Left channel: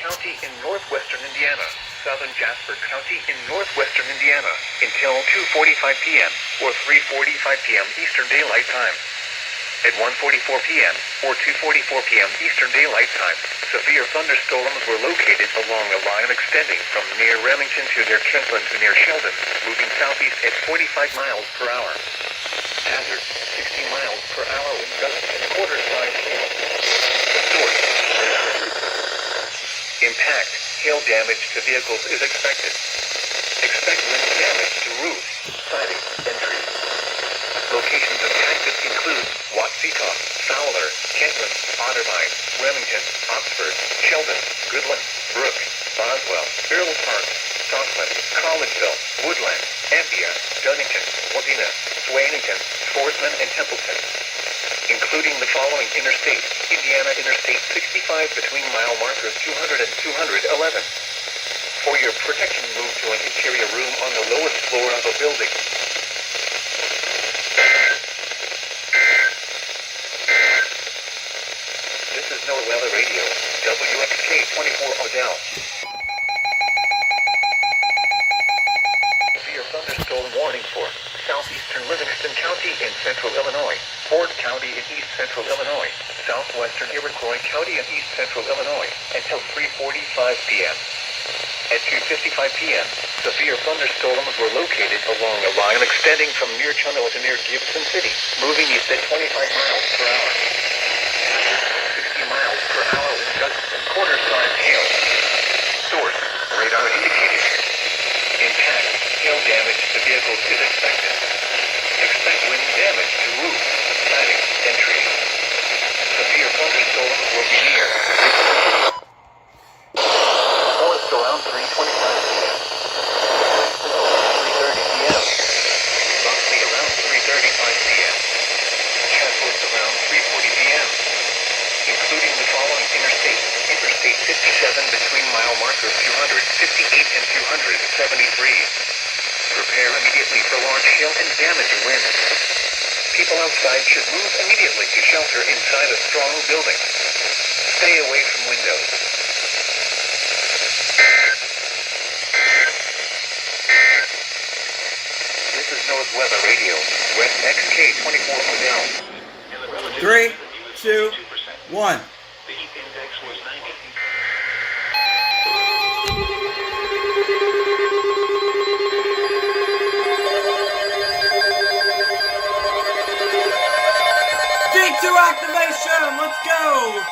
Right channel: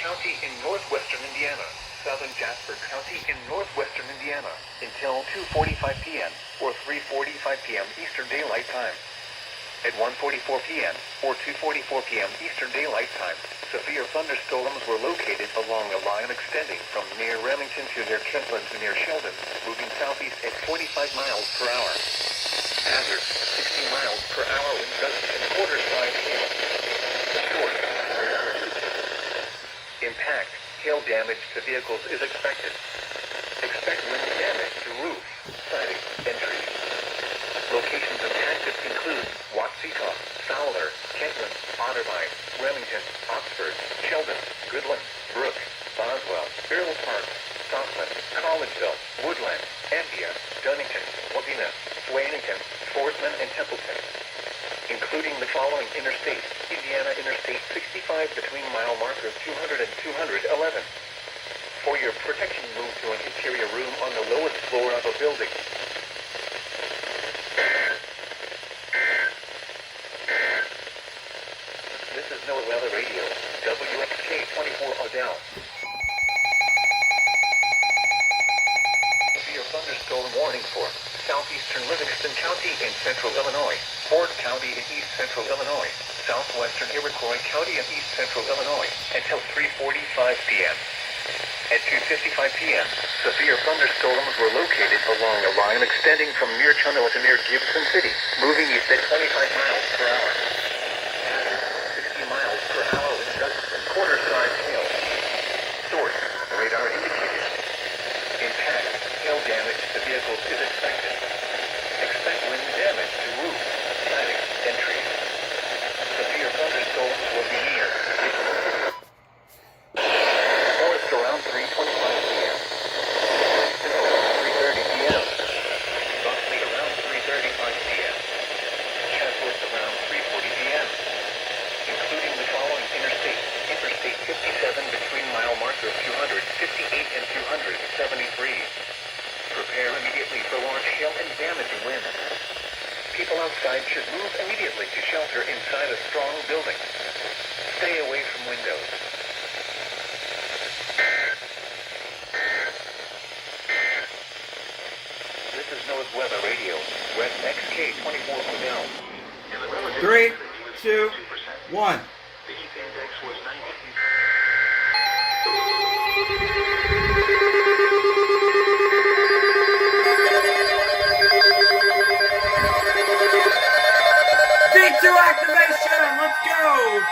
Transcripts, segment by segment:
County in northwestern Indiana, southern Jasper County in northwestern Indiana, until 2:45 p.m. or 3:45 p.m. Eastern Daylight Time. At 1:44 p.m. or 2:44 p.m. Eastern Daylight Time, severe thunderstorms were located along a line extending from near Remington to near Kentland to near Sheldon, moving southeast at 45 miles per hour. Hazard, 60 miles per hour with gusts and quarter-size hail. The source, impact, hail damage to vehicles is expected. Expect wind damage to roofs, siding, and trees. Locations impacted include Watsita, Fowler, Kentland, Otterbein, Remington, Oxford, Sheldon, Goodland, Brook, Boswell, Earl Park, Southland, Collegeville, Woodland, Ambia, Dunnington, Wadena, Swainington, Forsman, and Templeton. Including the following interstates: Indiana Interstate 65 between mile markers 200 and 211. For your protection, move to an interior room on the lowest floor of a building. This is NOAA Weather Radio, WXK-24 Odell. Severe thunderstorm warning for Southeastern Livingston County in central Illinois, Ford County in east central Illinois, southwestern Iroquois County in east central Illinois, until 3:45 p.m. At 2:55 p.m., severe thunderstorms were located along a line extending from near Chunilla to near Gibson City, moving east at 25 miles per hour. 60 miles per hour with gusts and quarter-size hail. Source, radar indicated. Impact, hail damage to vehicles is expected. Expect wind damage to roofs, siding, and trees. Severe thunderstorms will be near. North around 3:25 p.m. 3:30 p.m. Buckley around 3:35 p.m. Chatsworth around 3:40 p.m. Including the following interstates: Interstate 57 between mile markers 258 and 273. Prepare immediately for large hail and damaging winds. People outside should move immediately to shelter inside a strong building. Stay away from windows. This is NOAA's Weather Radio, West XK-24 Odell. 3, 2, 1. The heat index was 90. V2 activation, let's go!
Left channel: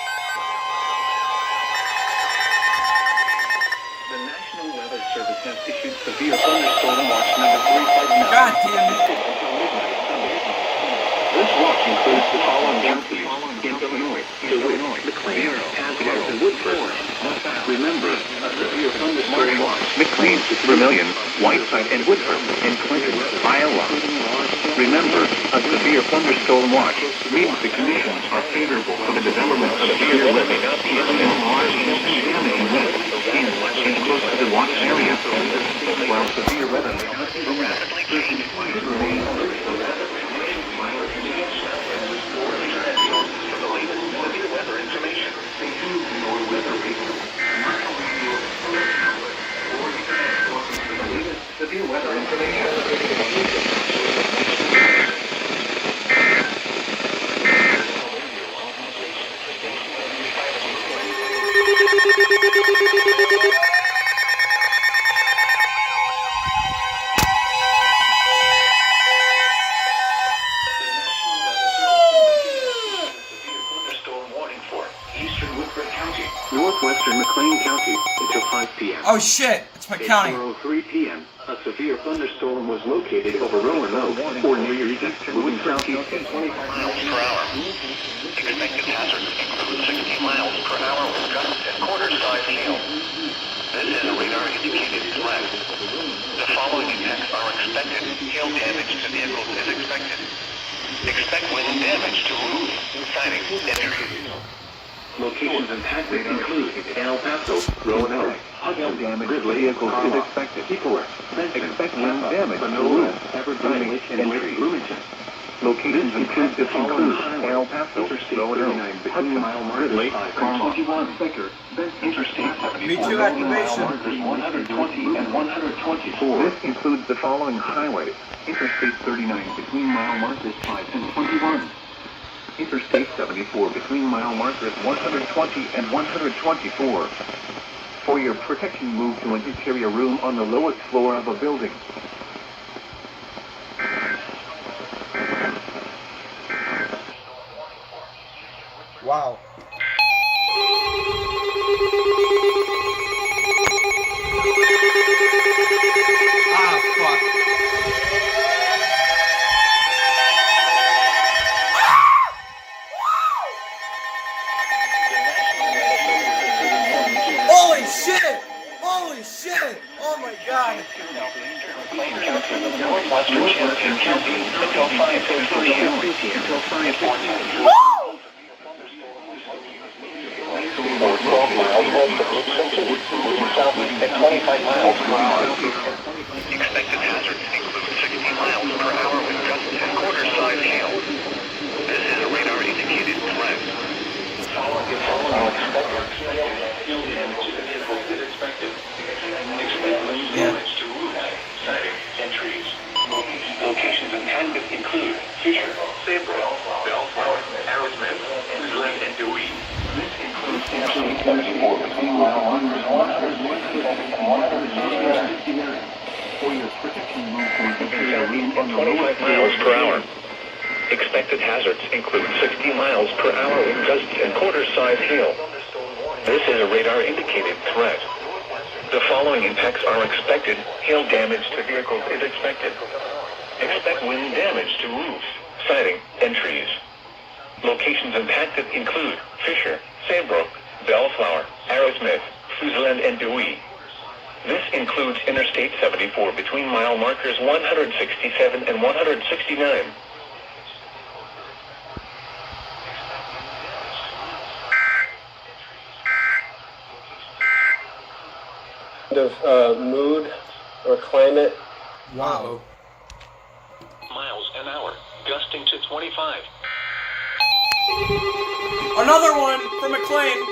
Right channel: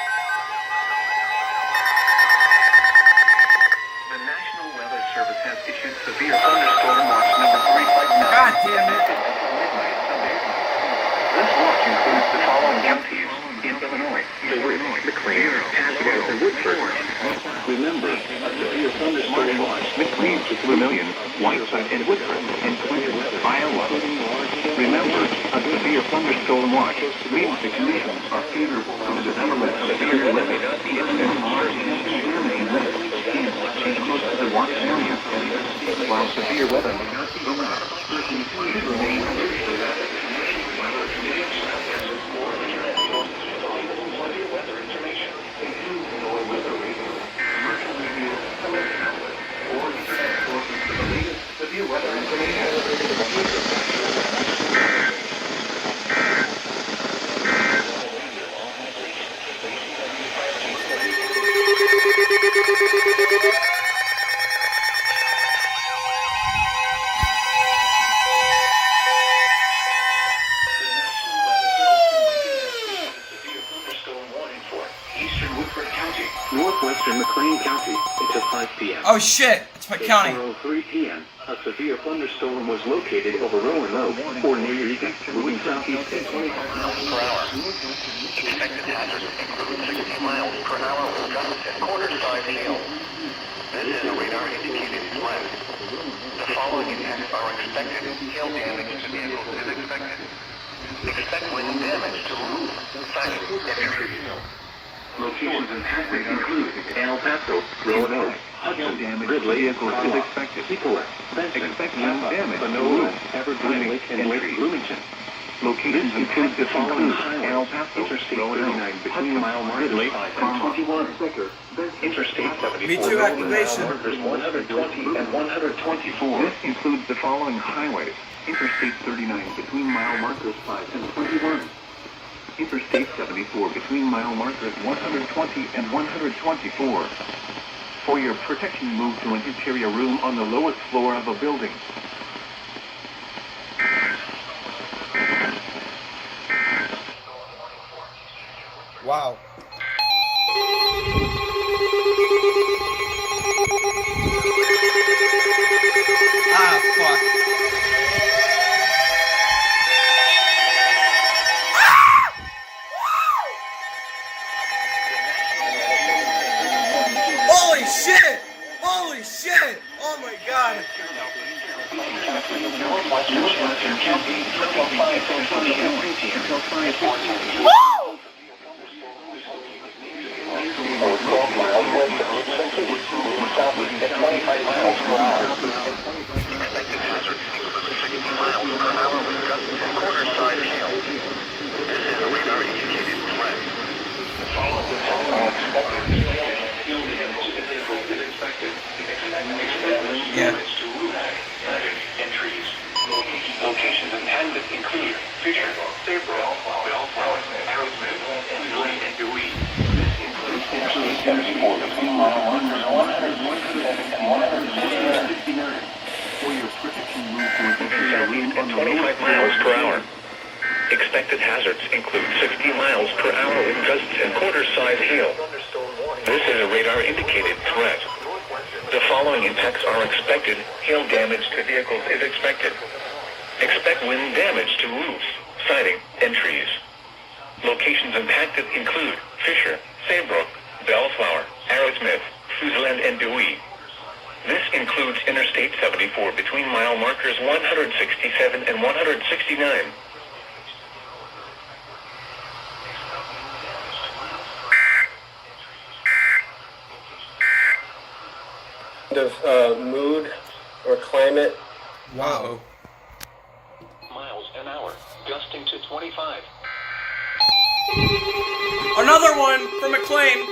The National Weather Service has issued severe thunderstorm watch number 359. God damn it. This watch includes the following counties: in Illinois, Mcleanfest, and Woodford. Remember, a severe thunderstorm watch: McLean, Vermilion, Whiteside, and Woodford, and Clinton, Iowa. Remember, a severe thunderstorm watch means the conditions are favorable for the development of severe weather and large hail and damage winds and close to the watch area. While severe weather may not be rapidly changing, please remain alert for rapid or internet sources for the latest severe weather information. Include your weather radio, or internet sources for the latest severe weather information. Northwestern McLean County until 5 p.m. Oh shit, it's my county. At 4:03 p.m., a severe thunderstorm was located over Roanoke or near Eureka, moving southeast at 25 miles per hour. Expected hazards include 60 miles per hour with gusts and quarter-size hail. This is a radar-indicated threat. The following impacts are expected. Hail damage to vehicles is expected. Expect wind damage to roofs, siding, and trees. Locations impacted include El Paso, Roanoke, Hudson, Gridley, vehicles is expected. Expect wind damage to roofs, siding, and trees. Bloomington. Locations and exits include El Paso, Roanoke, Hudson, Ridley, Interstate 74, V2 activation. 120 and 124. This includes the following highways: Interstate 39 between mile markers 5 and 21. Interstate 74 between mile markers 120 and 124. For your protection, move to an interior room on the lowest floor of a building. Wow. Ah, fuck. Holy shit! Holy shit! Oh my god! Northwestern Livingston County until 5:30 p.m. Woo! Or 12 miles west of Livingston, moving southeast at 25 miles per hour. Expected hazards include 60 miles per hour with gusts and quarter-size hail. This is a radar-indicated threat. Yeah. Entries. Locations intended include Fisher, Saybrook, Bellflower, Arrowsmith, Livingston, and Dewey. This includes Interstate 74 between mile markers 167 and 169. For your protection, southeast at 25 miles per hour. Expected hazards include 60 miles per hour with gusts and quarter-size hail. This is a radar-indicated threat. The following impacts are expected. Hail damage to vehicles is expected. Expect wind damage to roofs, siding, and trees. Locations impacted include Fisher, Saybrook, Bellflower, Arrowsmith, Fuseland, and Dewey. This includes Interstate 74 between mile markers 167 and 169. Of mood or climate. Wow. Miles an hour, gusting to 25. Another one from McLean.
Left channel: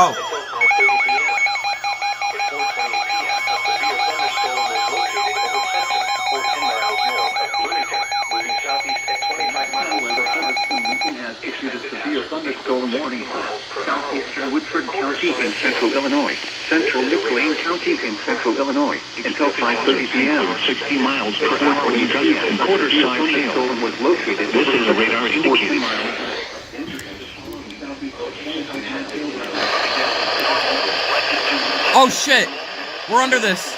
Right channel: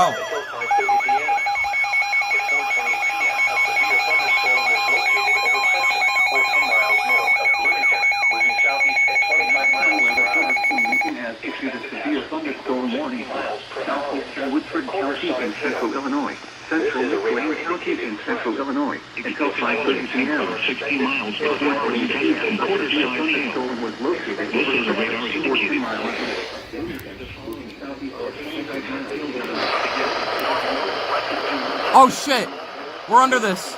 Oh. At 4:30 p.m. At 4:28 p.m., a severe thunderstorm was located over Hudson, or 10 miles north of Bloomington, moving southeast at 25 miles per hour. Lincoln has issued a severe thunderstorm warning for southeastern Woodford County in central Illinois, central Mclean County in central Illinois, until 5:30 p.m. 60 miles per hour and quarter-size hail was located. This is a radar indicator. Oh shit! We're under this.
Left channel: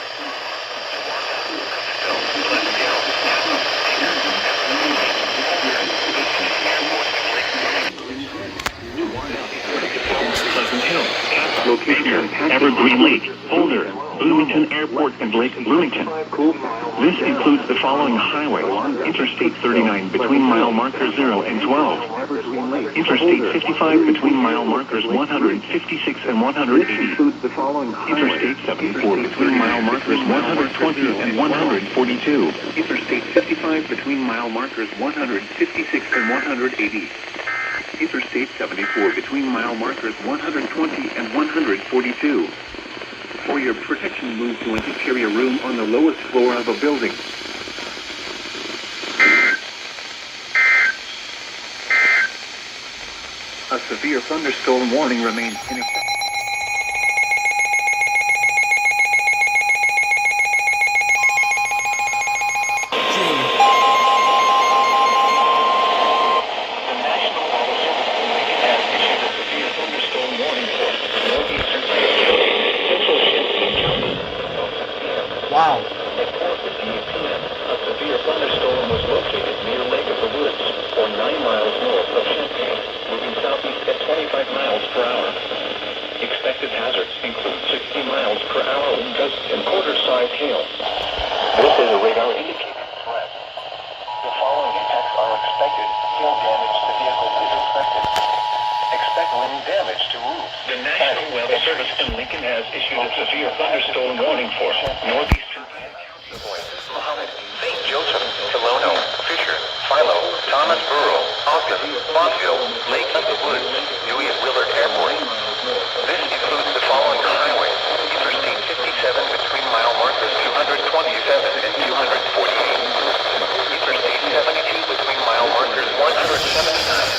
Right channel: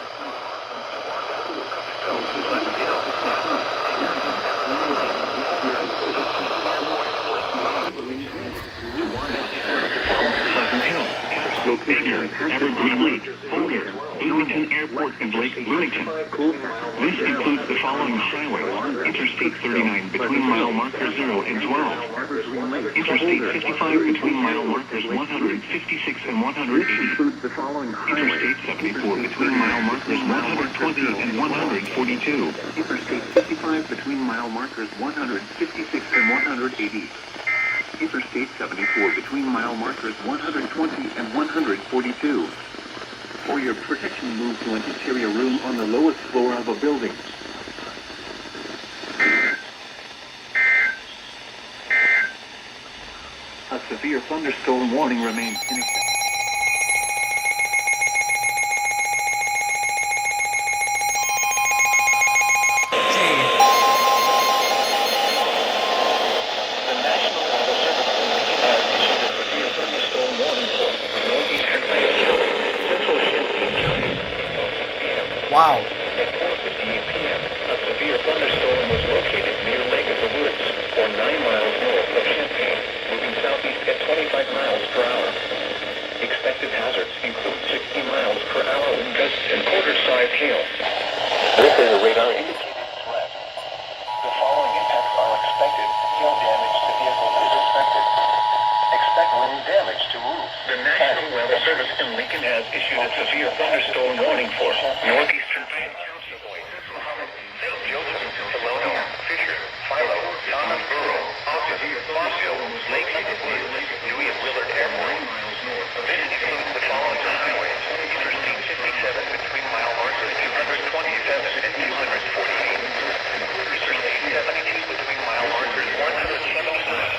Location Evergreen Lake, Boulder, Bloomington Airport, and Lake Bloomington. This includes the following highways: Interstate 39 between mile markers 0 and 12. Interstate 55 between mile markers 156 and 180. Interstate 74 between mile markers 120 and 142. Interstate 55 between mile markers 156 and 180. Interstate 74 between mile markers 120 and 142. For your protection, move to an interior room on the lowest floor of a building. A severe thunderstorm warning remains in effect. Wow. At 4:58 p.m., a severe thunderstorm was located near Lake of the Woods, or 9 miles north of Champaign, moving southeast at 25 miles per hour. Expected hazards include 60 miles per hour with gusts and quarter-size hail. radar indicated threat. The following impacts are expected. Hail damage to vehicles is expected. Expect wind damage to roofs. The National Weather Service in Lincoln has issued a severe thunderstorm warning for Northeastern County. Muhammad, St. Joseph, Tolono, Fisher, Philo, Thomas Borough, Ogden, Bonneville, Lake of the Woods, Dewey and Willard Airport. This includes the following highways. Interstate 57 between mile markers 227 and 248. Interstate 72 between mile markers 179.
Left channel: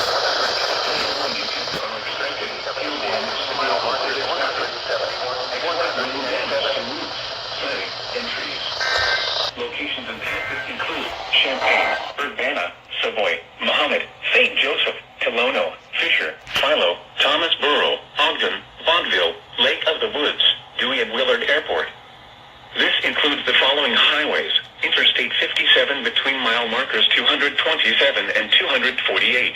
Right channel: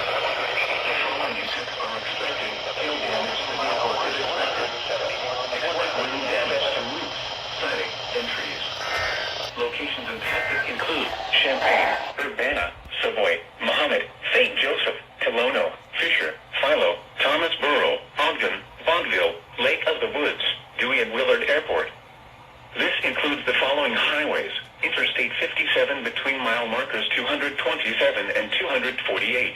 Locations impacted include Champaign, Urbana, Savoy, Muhammad, St. Joseph, Tolono, Fisher, Philo, Thomas Borough, Ogden, Bonneville, Lake of the Woods, Dewey and Willard Airport. This includes the following highways. Interstate 57 between mile markers 227 and 248.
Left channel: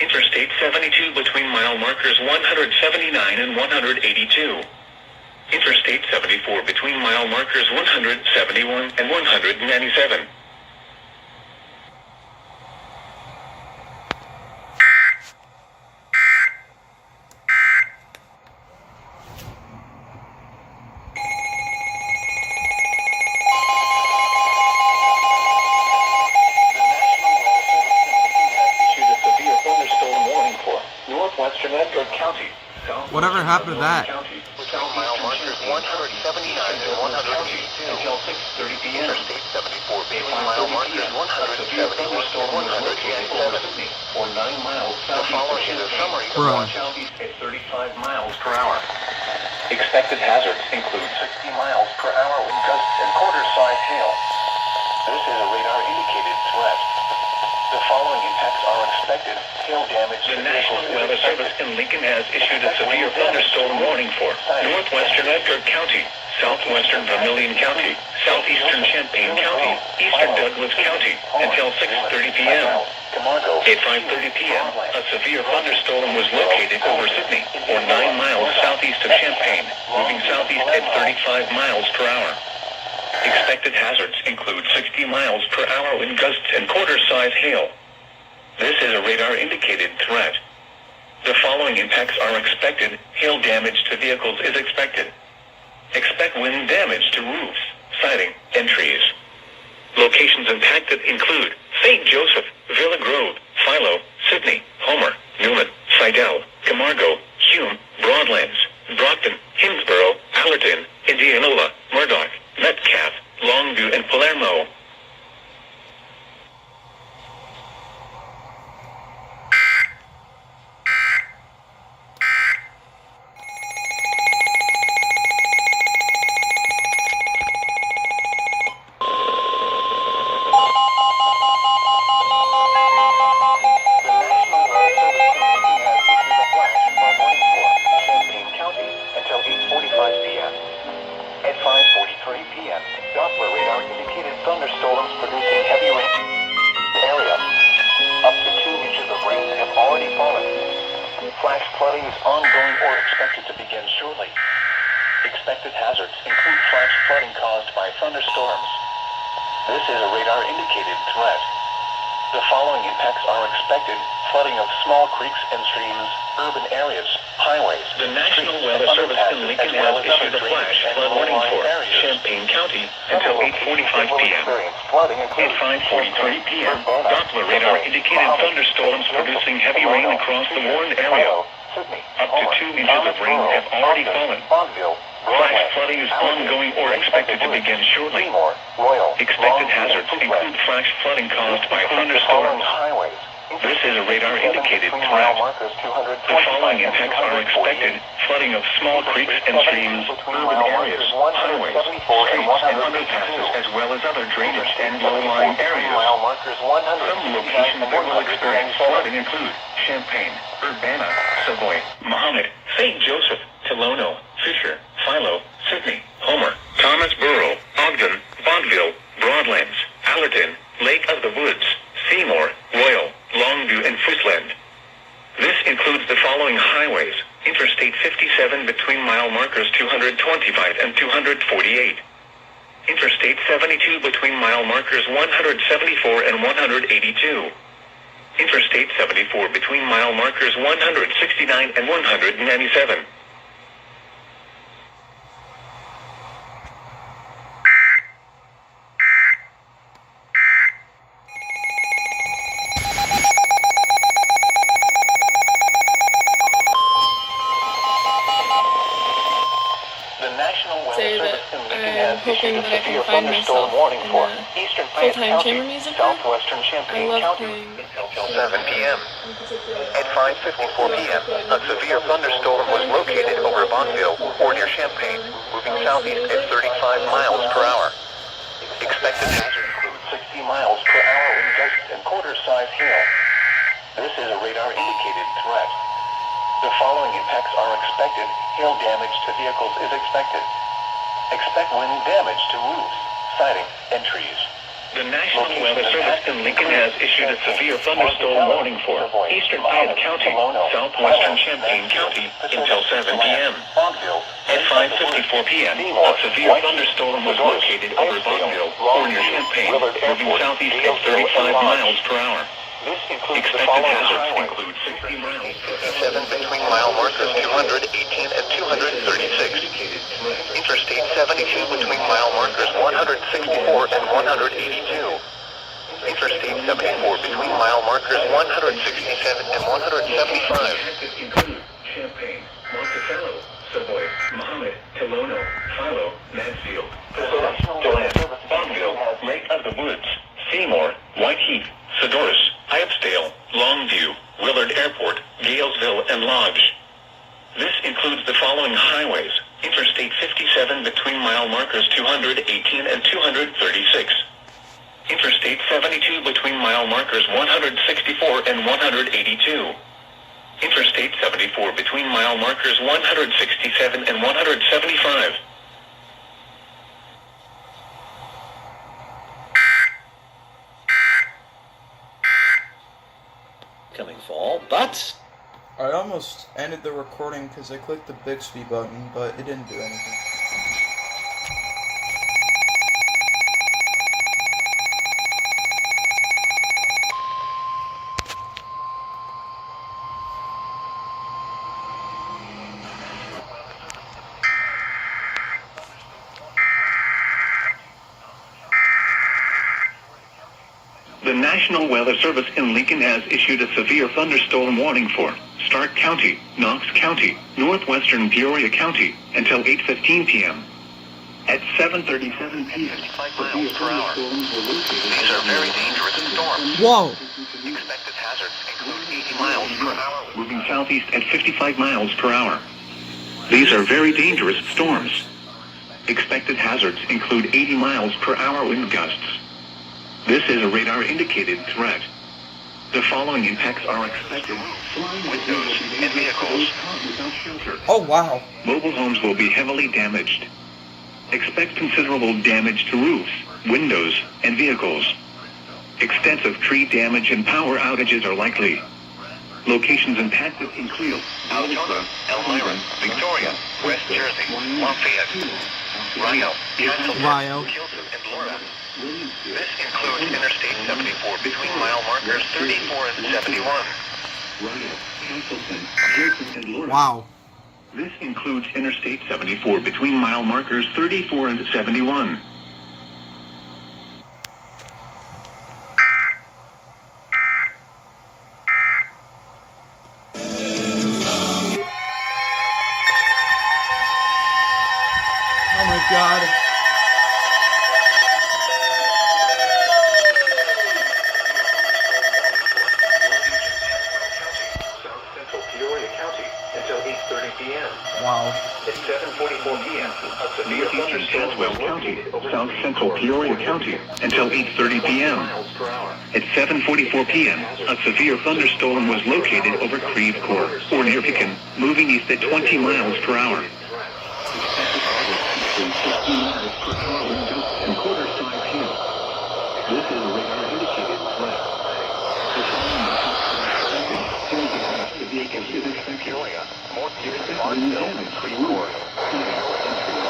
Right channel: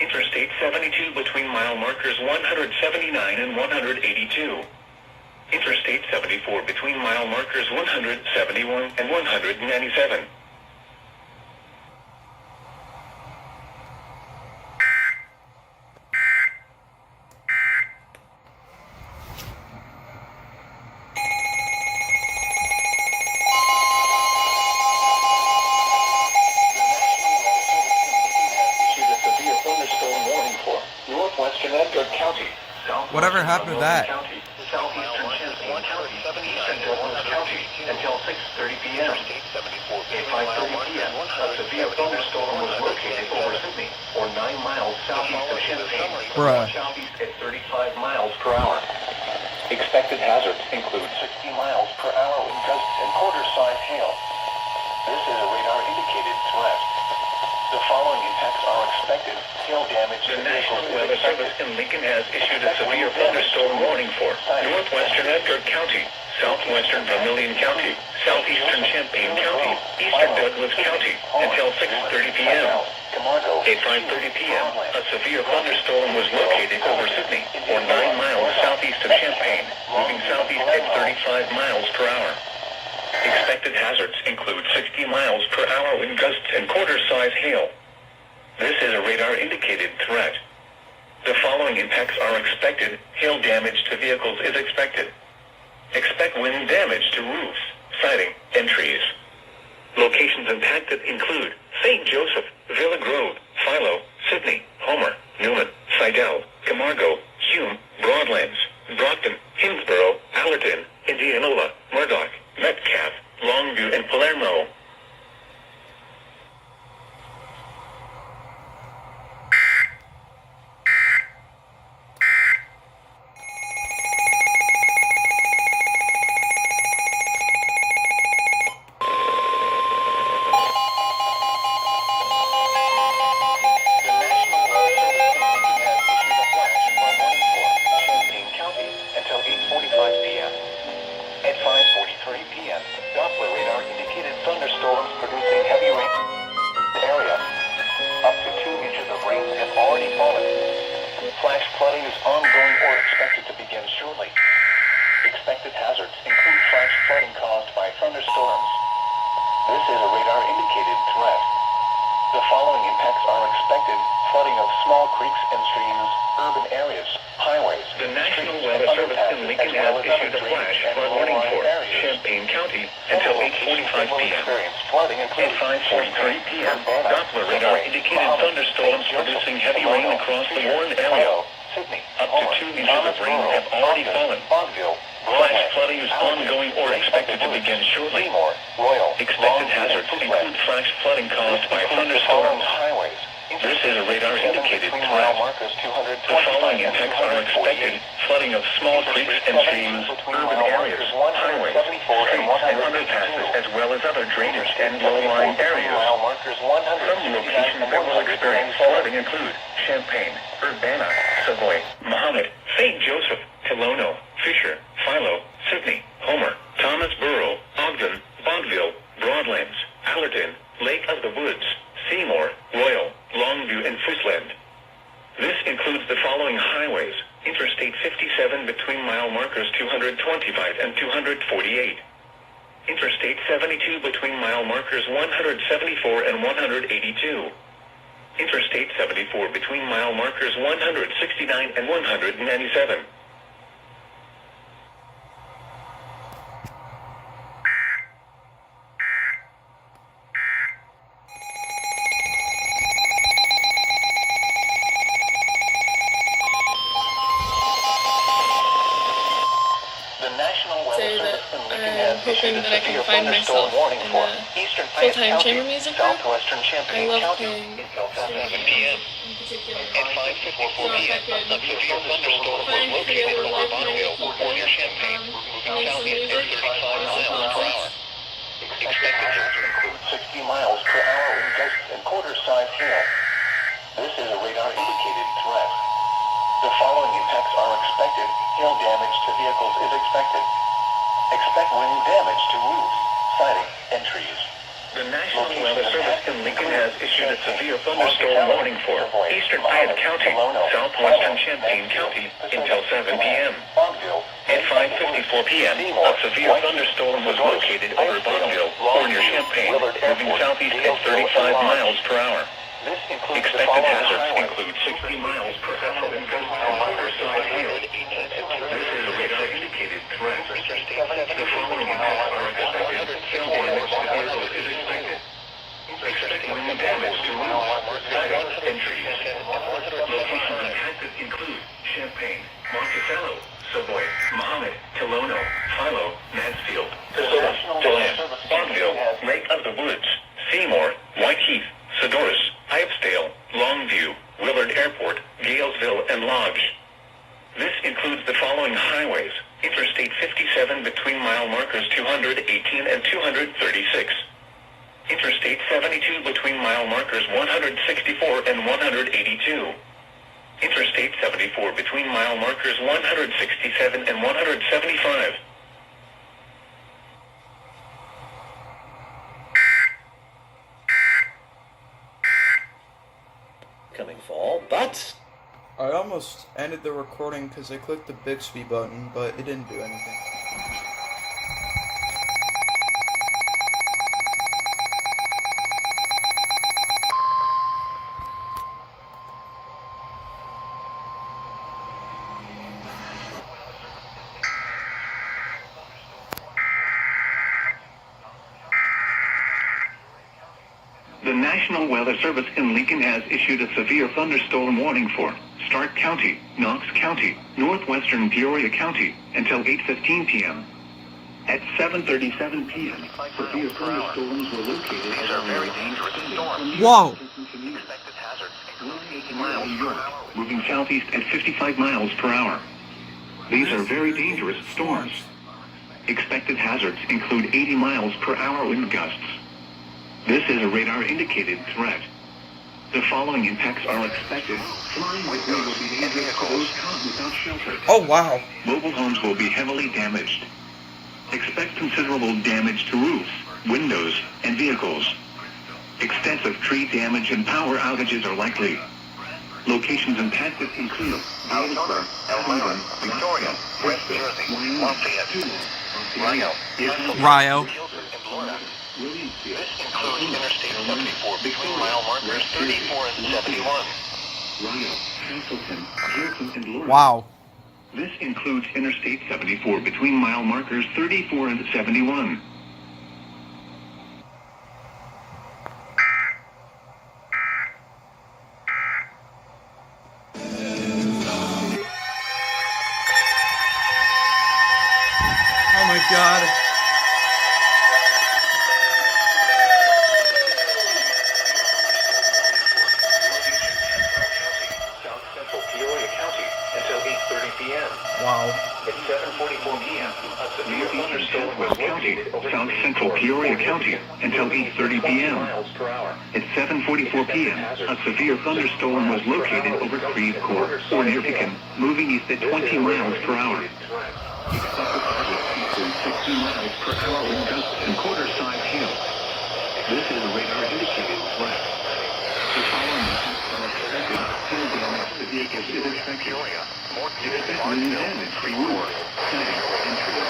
Interstate 72 between mile markers 179 and 182. Interstate 74 between mile markers 171 and 197. Whatever happened to that? Mile markers 179 and 182 until 6:30 p.m. Interstate 74 between mile markers 171 and 187 or 9 miles southeast of Champaign, Bruh. southeast at 35 miles per hour. Expected hazards include 60 miles per hour with gusts and quarter-size hail. This is a radar-indicated threat. The following impacts are expected. Hail damage to The vehicles National is Weather expected. Service in Lincoln has issued a severe thunderstorm warning for northwestern Edgar County, southwestern Vermilion County, southeastern Champaign County, eastern Douglas County, until 6:30 p.m. At 5:30 p.m., a severe thunderstorm was located over Sydney, or 9 miles southeast of Champaign, moving southeast at 35 miles per hour. Expected hazards include 60 miles per hour wind gusts and quarter-size hail. This is a radar-indicated threat. The following impacts are expected. Hail damage to vehicles is expected. Expect wind damage to roofs, siding, and trees. Locations impacted include St. Joseph, Villa Grove, Philo, Sydney, Homer, Newman, Seidel, Camargo, Hume, Broadlands, Brockton, Hinsborough, Allerton, Indianola, Murdoch, Metcalf, Longview, and Palermo. Doppler radar indicated thunderstorms producing heavy rain area. Up to 2 inches of rain have already fallen. Flash flooding is ongoing or expected to begin shortly. Expected hazards include flash flooding caused by thunderstorms. This is a radar indicated threat. The following impacts are expected. Flooding of small creeks and streams, urban areas, highways. The National Weather Service in Lincoln has issued a flash flood warning for Champaign County until 8:45 p.m. At 5:43 p.m., Doppler radar indicated thunderstorms producing heavy rain across the warned area. Up to 2 inches of rain have already fallen. Flash flooding is ongoing or expected to begin shortly. Expected hazards include flash flooding caused by thunderstorms. This is a radar-indicated threat. The following impacts are expected. Flooding of small creeks and streams, urban areas, highways, streets, and underpasses, as well as other drainage and low-lying areas. Some locations that will experience flooding include Champaign, Urbana, Savoy, Muhammad, St. Joseph, Tolono, Fisher, Philo, Sydney, Homer, Thomas Borough, Ogden, Bonneville, Broadlands, Allerton, Lake of the Woods, Seymour, Royal, Longview, and Footsland. This includes the following highways. Interstate 57 between mile markers 225 and 248. Interstate 72 between mile markers 174 and 182. Interstate 74 between mile markers 169 and 197. I'm hoping that I can find myself in a full-time chamber music group. I love playing until 7 p.m. At 5:54 p.m., a severe thunderstorm was located over Bonneville or near Champaign, moving southeast at 35 miles per hour. Expected hazard includes 60 miles per hour in gusts and quarter-size hail. This is a radar-indicated threat. The following impacts are expected. Hail damage to vehicles is expected. Expect wind damage to roofs, siding, and trees. The National Weather Service in Lincoln has issued a severe thunderstorm warning for eastern Piatt County, southwestern Champaign County until 7 p.m. At 5:54 p.m., a severe thunderstorm was located over Bonneville or near Champaign, moving southeast at 35 miles per hour. Expected hazards include 60 miles per hour. 7 between mile markers 218 and 236. Interstate 72 between mile markers 164 and 182. Interstate 74 between mile markers 167 and 175. Hazards include Champaign, Monticello, Savoy, Mahomet, Kilono, Philo, Mansfield, Bonneville, Lake of the Woods, Seymour, Whiteheath, Sedoris, Hypesdale, Longview, Willard Airport, Galesville, and Lodge. This includes the following highways: Interstate 57 between mile markers 218 and 236. Interstate 72 between mile markers 164 and 182. Interstate 74 between mile markers 167 and 175. Coming fall, but I almost ended the recording because I clicked the Bixby button, but it didn't do anything. The National Weather Service in Lincoln has issued a severe thunderstorm warning for Stark County, Knox County, northwestern Peoria County until 8:15 p.m. At 7:37 p.m., severe thunderstorms were located. These are very dangerous storms. Whoa! Expected hazards include 80 miles per hour. Moving southeast at 55 miles per hour. These are very dangerous storms. Expected hazards include 80 miles per hour wind gusts. This is a radar-indicated threat. The following impacts are expected. Flying windows and vehicles without shelter. Oh, wow. Mobile homes will be heavily damaged. Expect considerable damage to roofs, windows, and vehicles. Extensive tree damage and power outages are likely. Locations impacted include Altoona, Elmira, Victoria, West Jersey, Lafayette, Rio, Rio. and Laura. This includes Interstate 74 between mile markers 34 and 71. Wow. This includes Interstate 74 between mile markers 34 and 71. Oh my god. Wow. At 7:44 p.m., a severe thunderstorm was located over South Central Peoria County until 8:30 p.m. At 7:44 p.m., a severe thunderstorm was located over Creve Coeur or near Pekin, moving east at 20 miles per hour. This is a radar-indicated threat. The following impacts are expected. Hail damage to vehicles is expected. Peoria, more Expect wind damage to roofs, siding, and trees.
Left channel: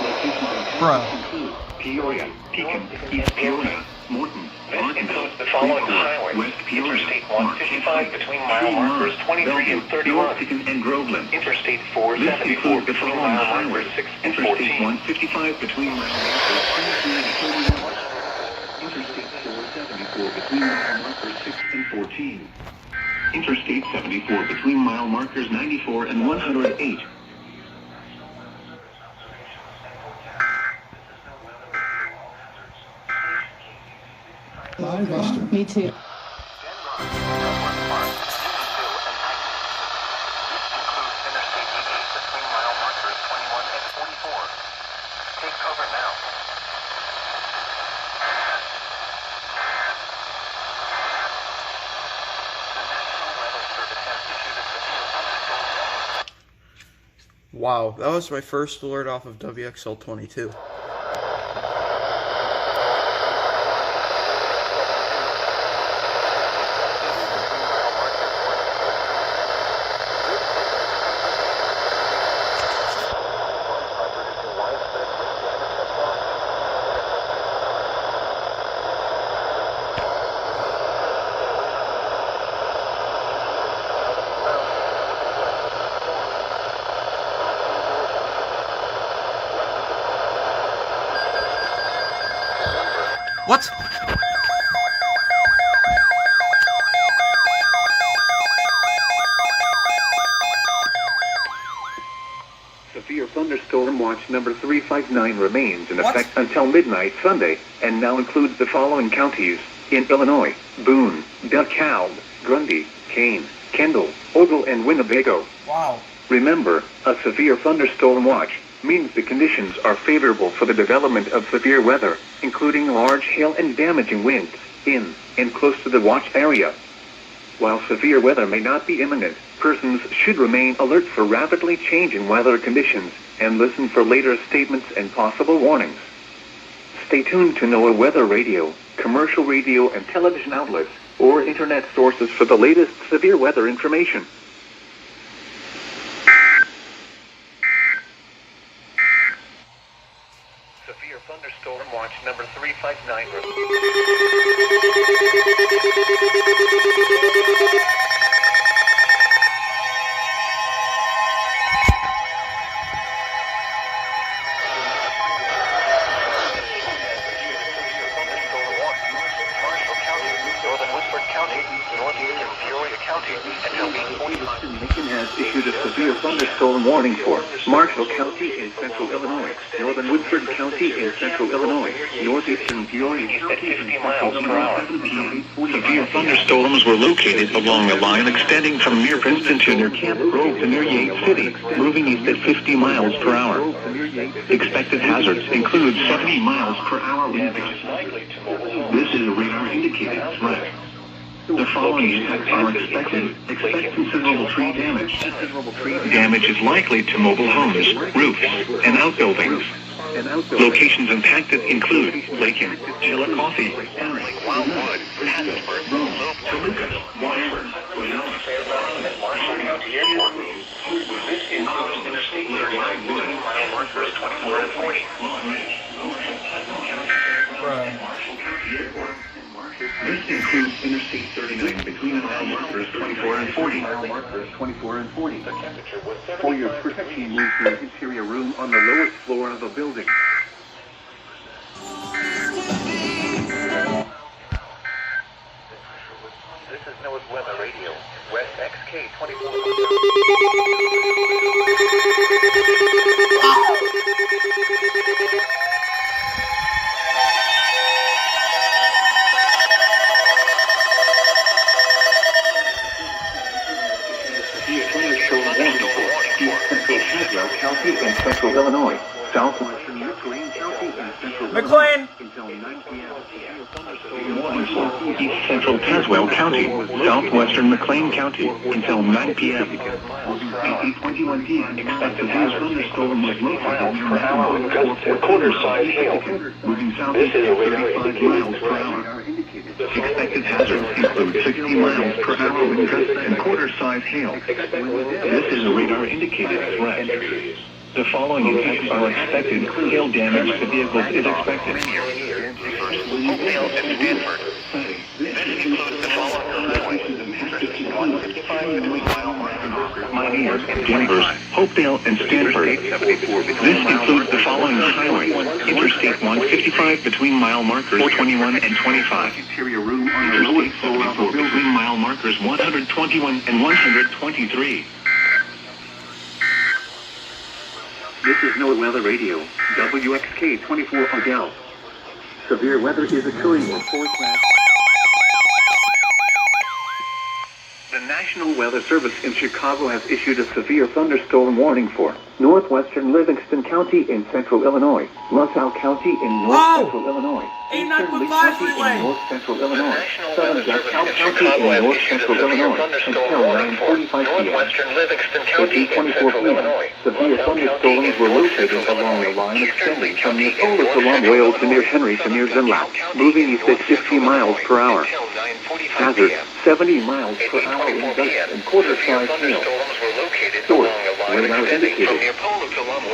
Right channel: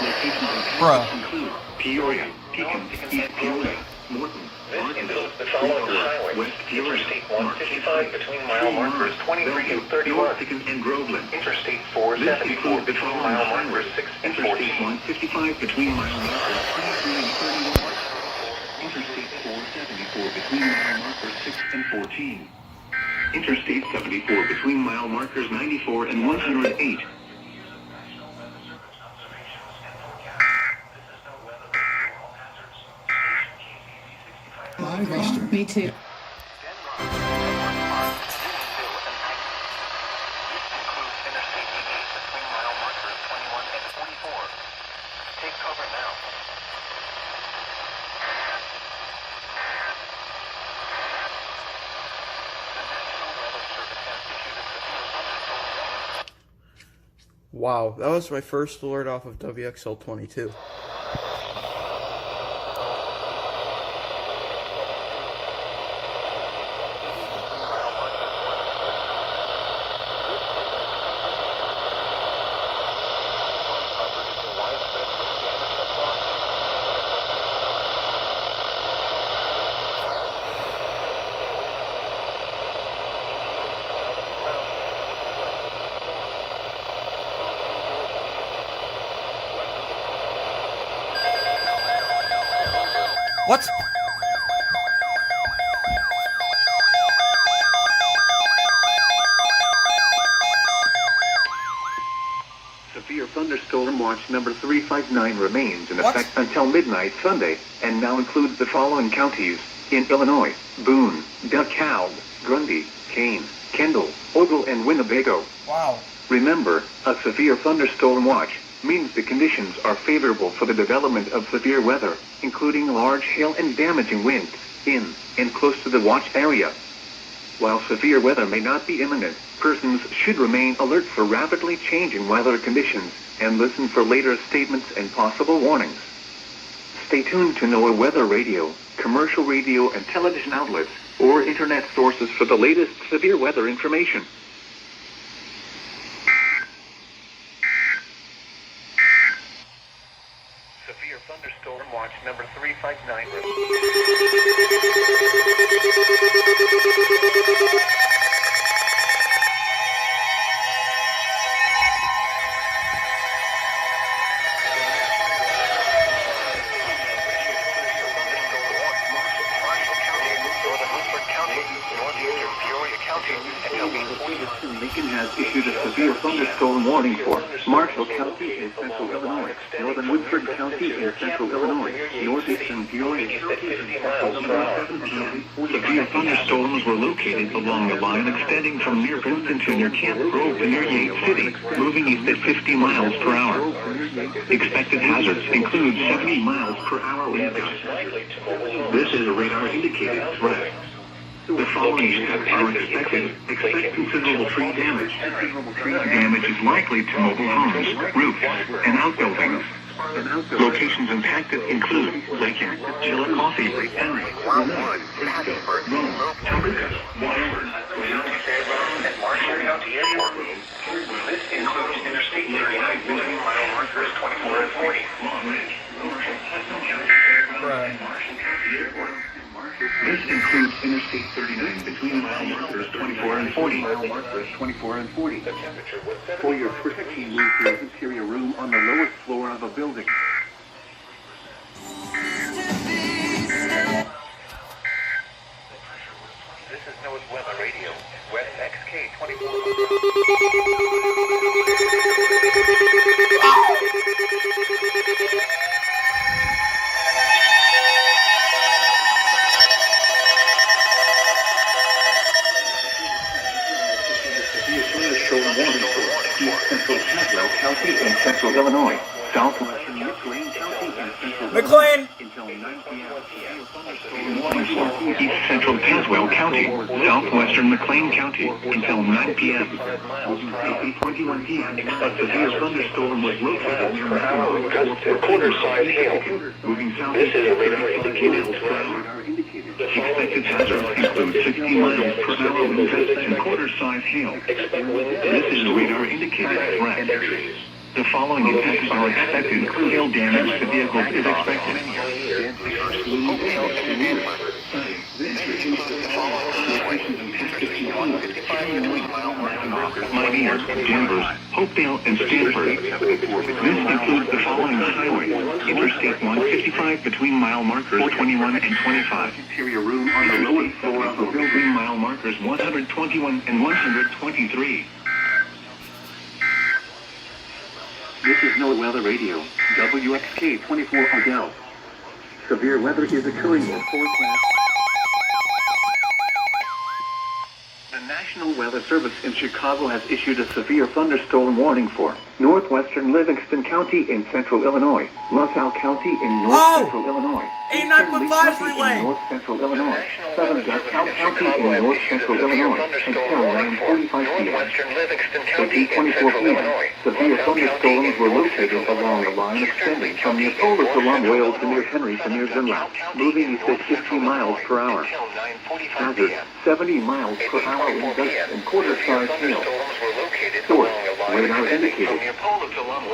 Locations and Bruh. include Peoria, Pekin, East Peoria, Morton, This includes the following highways: Interstate 155 between mile markers 23 and 31. and Groveland. Interstate 474 between mile markers 6 and 14. Interstate 155 between mile markers 23 and 31. Interstate 474 between mile markers 6 and 14. Interstate 74 between mile markers 94 and 108. Me too. Take cover now. The National Weather Service has issued a severe thunderstorm warning. Wow, that was my first alert off of WXL 22. What? Severe thunderstorm watch number 359 remains in What? effect until midnight Sunday, and now includes the following counties in Illinois: Boone, DeKalb, Grundy, Kane, Kendall, Ogle, and Winnebago. Wow. Remember, a severe thunderstorm watch means the conditions are favorable for the development of severe weather, including large hail and damaging winds, in and close to the watch area. While severe weather may not be imminent, persons should remain alert for rapidly changing weather conditions and listen for later statements and possible warnings. Stay tuned to NOAA Weather Radio, commercial radio and television outlets, or internet sources for the latest severe weather information. Severe thunderstorm watch number 359. Northeastern Peoria County, and shall be 45. Macon has issued a severe thunderstorm warning for Marshall County in central Illinois, northern Woodford County in central Illinois, northeastern Peoria At 50 miles per hour. Severe thunderstorms were located along a line extending from near Princeton to near Camp Grove to near Yates City, moving east at 50 miles per hour. Expected hazards include 70 miles per hour wind Damage is likely to mobile homes. This is a radar-indicated threat. The following are expected. Expect considerable tree damage. Damage is likely to mobile homes, roofs, and outbuildings. Locations impacted include Lakin, Chillicothe, Henry, Wildwood, Hattiesburg, Logan, Washburn, Fairgrounds, and Marshall County Airport. This includes Interstate 39 between mile markers 24 and 40. Right. This includes Interstate 39 between mile markers 24 and 40. Mile markers 24 and 40. The temperature was 70. For your protection, move to an interior room on the lowest floor of a building. This is NOAA's Weather Radio. West XK 24. County in central Illinois, southwestern McLean County in central McLean! until 9 p.m. East Central Tazewell County, southwestern McLean County, until 9 p.m. 8:21 p.m. Expected hazard thunderstorm was located Per hour with gusts and quarter-size hail. moving south. This is a radar-indicated miles per threat. hour. Expected hazards include 60 miles per hour wind gusts and quarter-size hail. This is a radar-indicated threat. The following impacts are expected. Hail damage to vehicles is expected. Hopedale and Stanford. This includes the following highways. Interstate 155 between mile markers. Mighty and Denver, Hopedale and Stanford. This includes the following highways. Interstate 155 between mile markers 21 and 25. Interstate 74 between mile markers 121 and 123. This is NOAA Weather Radio, WXK 24 Odell. Severe weather is occurring in forecast. The National Weather Service in Chicago has issued a severe thunderstorm warning for northwestern Livingston County in central Illinois, LaSalle County in north central Illinois, Eastern County in north central Illinois, southern DeKalb County in north central Illinois, until 9:45 p.m. Northwestern Livingston At County in 8:24 central p.m., Illinois. severe thunderstorms were located along the line extending from Neapolis along Wales to near Henry to near Zinlow, moving east at 50 miles per hour. Hazard, 70 miles per hour in gusts and quarter-size hail. Source, radar indicated.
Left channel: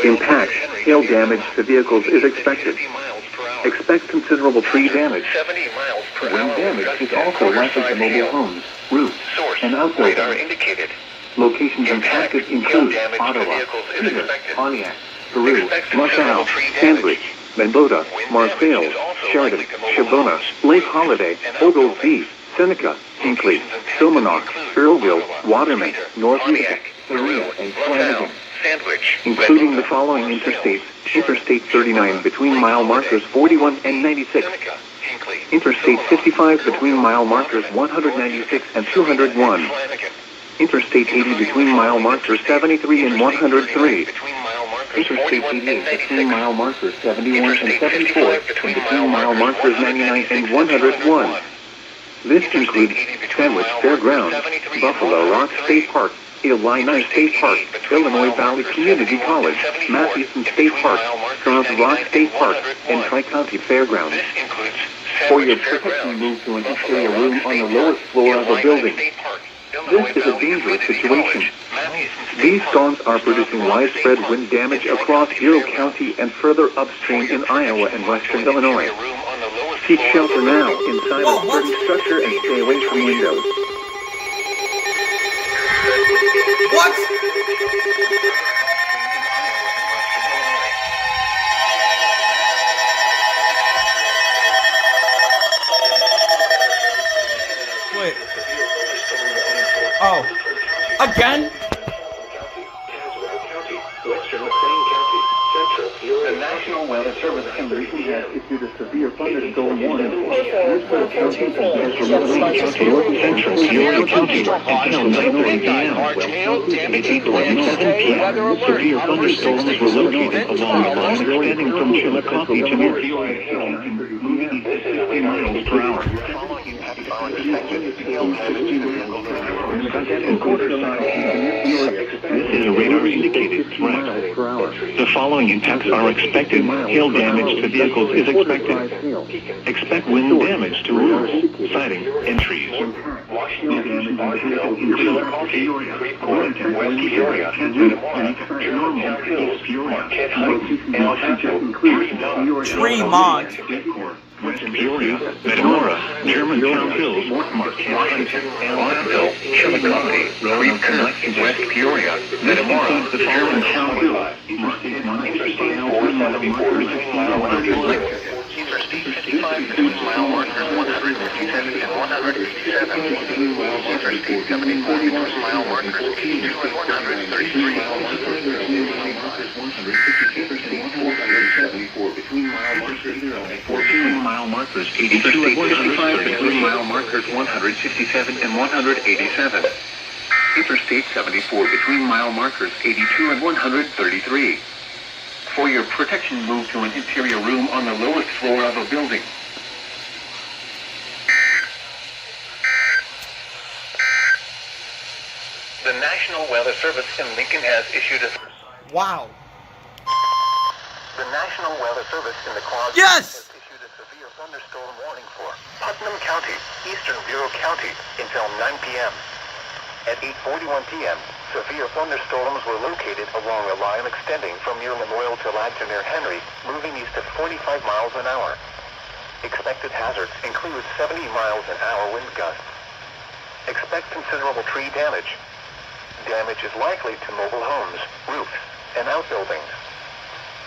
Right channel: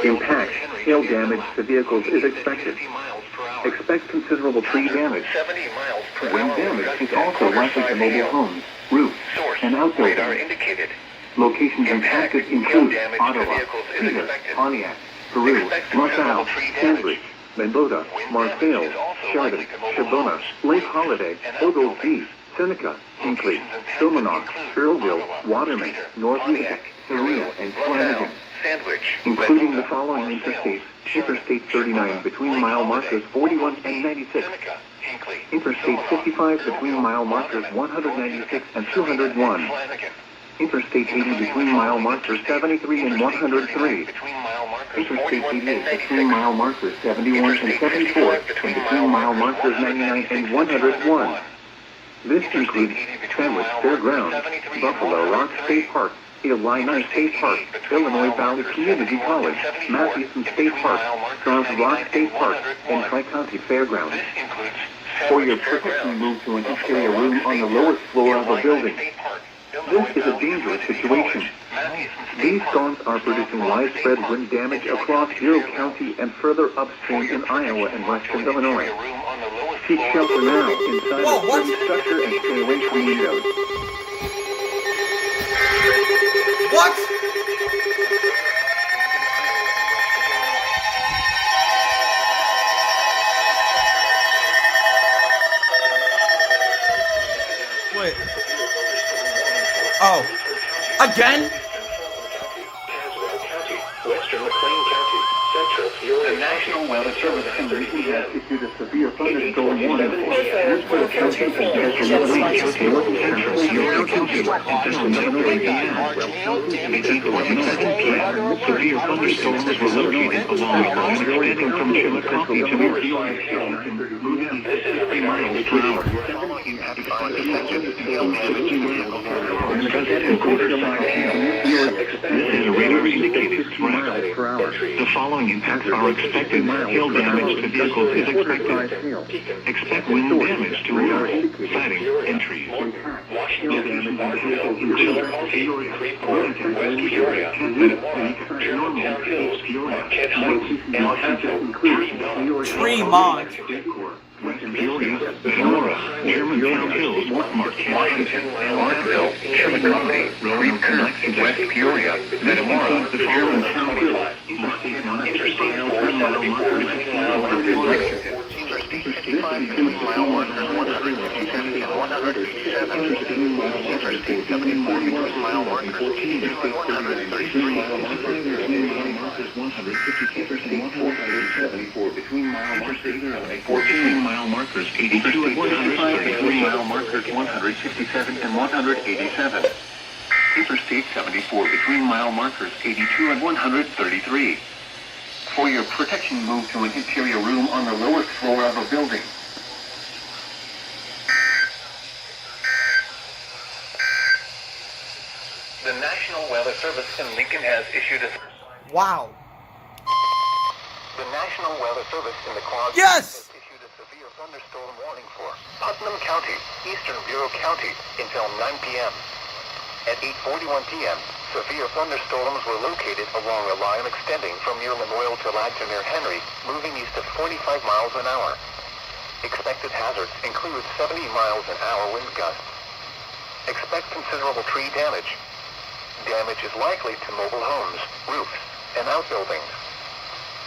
Impact, hail damage to vehicles is expected. Expect considerable tree damage. Wind damage is also likely to mobile homes, roofs, and outbuildings. Locations impacted include Ottawa, Peter, Pontiac, Peru, LaSalle, Sandwich, Mendota, Marseilles, Chardon, Shabona, Lake Holiday, Oglesby, Seneca, Hinkley, Silmanock, Earlville, Waterman, North Utica, Berea, and Flanagan, including the following interstates: Interstate 39 between mile markers 41 and 96, Interstate 55 between mile markers 196 and 201, Interstate 80 between mile markers 73 and 103, Interstate 88 between mile markers 71 and 74, and between mile markers 99 and 101. This includes Sandwich Fairgrounds, Buffalo Rock State Park, Illini State Park, Illinois Valley Community College, Northeastern State Park, Cross Rock State Park, and Tri-County Fairgrounds. For your protection, move to an interior room on the lowest floor of a building. This is a dangerous situation. These storms are producing widespread wind damage across Bureau County and further upstream in Iowa and western Illinois. Seek shelter now inside a sturdy structure and stay away from windows. What? Wait. Oh. Again? The National Weather Service in Livingston has issued a severe thunderstorm warning for Northwest County and Central Illinois, North Central, Sierra County, Central Illinois, severe thunderstorms were located along the line extending from Chillicothe to North York, moving 50 miles per hour. This is a radar indicated threat. The following impacts are expected. Hail damage to vehicles is expected. Expect wind damage to roofs, siding, and trees. Washington, Chillicothe, Creve West Peoria, Metamora, Germantown Hills, Marquette Heights, Alot, Tremont. West Peoria, Metamora, Germantown Hills, Marquette, Washington, Markville, Chillicothe, Creve West Peoria, Metamora, Germantown Hills, Interstate 474 between mile markers, Interstate 55 between mile markers 157 and 187, Interstate 74 between mile markers 82 and 133, Interstate 474 between mile markers 14 mile markers 82 and 135 between mile markers 167 and 187. Interstate 74 between mile markers 82 and 133. For your protection, move to an interior room on the lowest floor of a building. The National Weather Service in Lincoln has issued a... Wow. The National Weather Service in the Quad Yes! has issued a severe thunderstorm warning for Putnam County, Eastern Bureau County, until 9 p.m. At 8:41 p.m., severe thunderstorms were located along a line extending from near Lemoyle to Ladton near Henry, moving east at 45 miles an hour. Expected hazards include 70 miles an hour wind gusts. Expect considerable tree damage. Damage is likely to mobile homes, roofs, and outbuildings.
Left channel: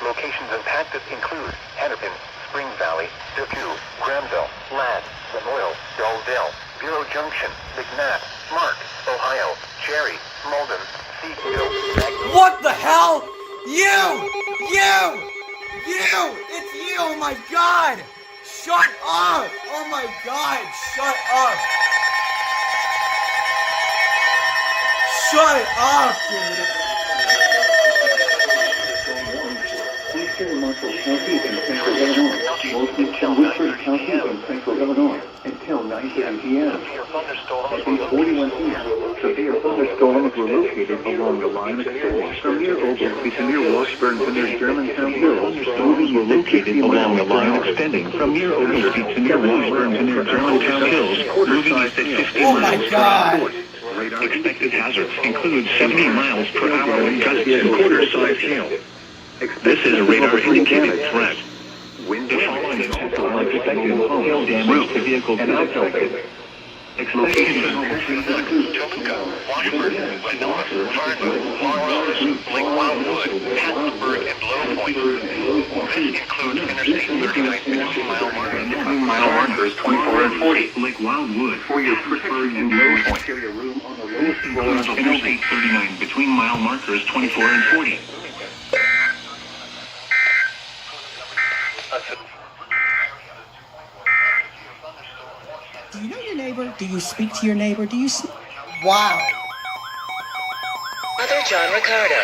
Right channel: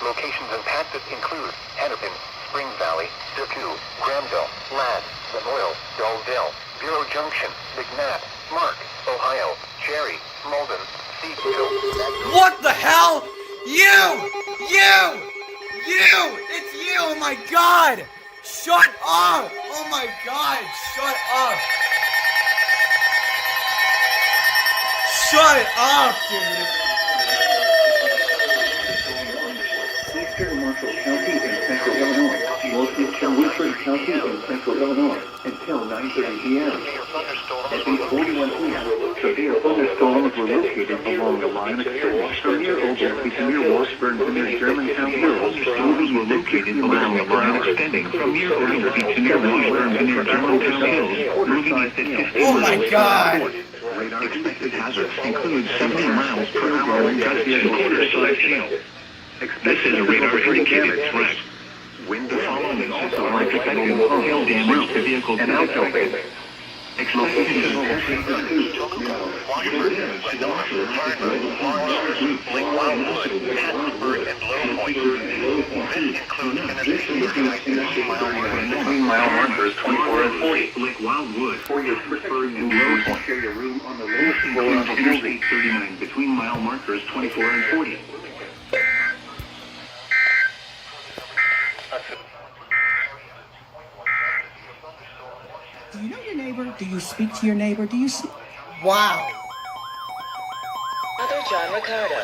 Locations impacted include Hennepin, Spring Valley, Depew, Granville, Ladd, Lemoyle, Dalldale, Bureau Junction, McNabb, Mark, Ohio, Cherry, Malden, Seafield. What the hell? You! It's you! Oh my god! Shut up! Oh my god! Shut up! Shut up, dude! Eastern Marshall County and Central Illinois. Northeastern Woodford County and Central Illinois until 9:30 p.m. At 8:41 p.m., severe thunderstorms were located along the line extending from near Oglesby to near Washburn to near Germantown Hills. Movies were located along the line extending from near Oglesby to near Washburn to near Germantown Hills. Moving east at 50 Oh my god! Expected hazards include 70 miles per hour wind gusts and quarter-size hail. This is a radar-indicated threat. The following events are expected: hail damage to vehicles and outbuildings. Expected Toluca, Washburn, Winona, Fargo, Lawrence, Lake Wildwood, Hattiesburg, and Low Point. This includes Interstate 39 between mile markers 24 and 40. Lake Wildwood, For your Pittsburgh and Low Point. Carry a room on the lowest floor of the building. Interstate 39 between mile markers 24 and 40. Do you know your neighbor? Do you speak to your neighbor? Do you... Wow. Father John Ricardo.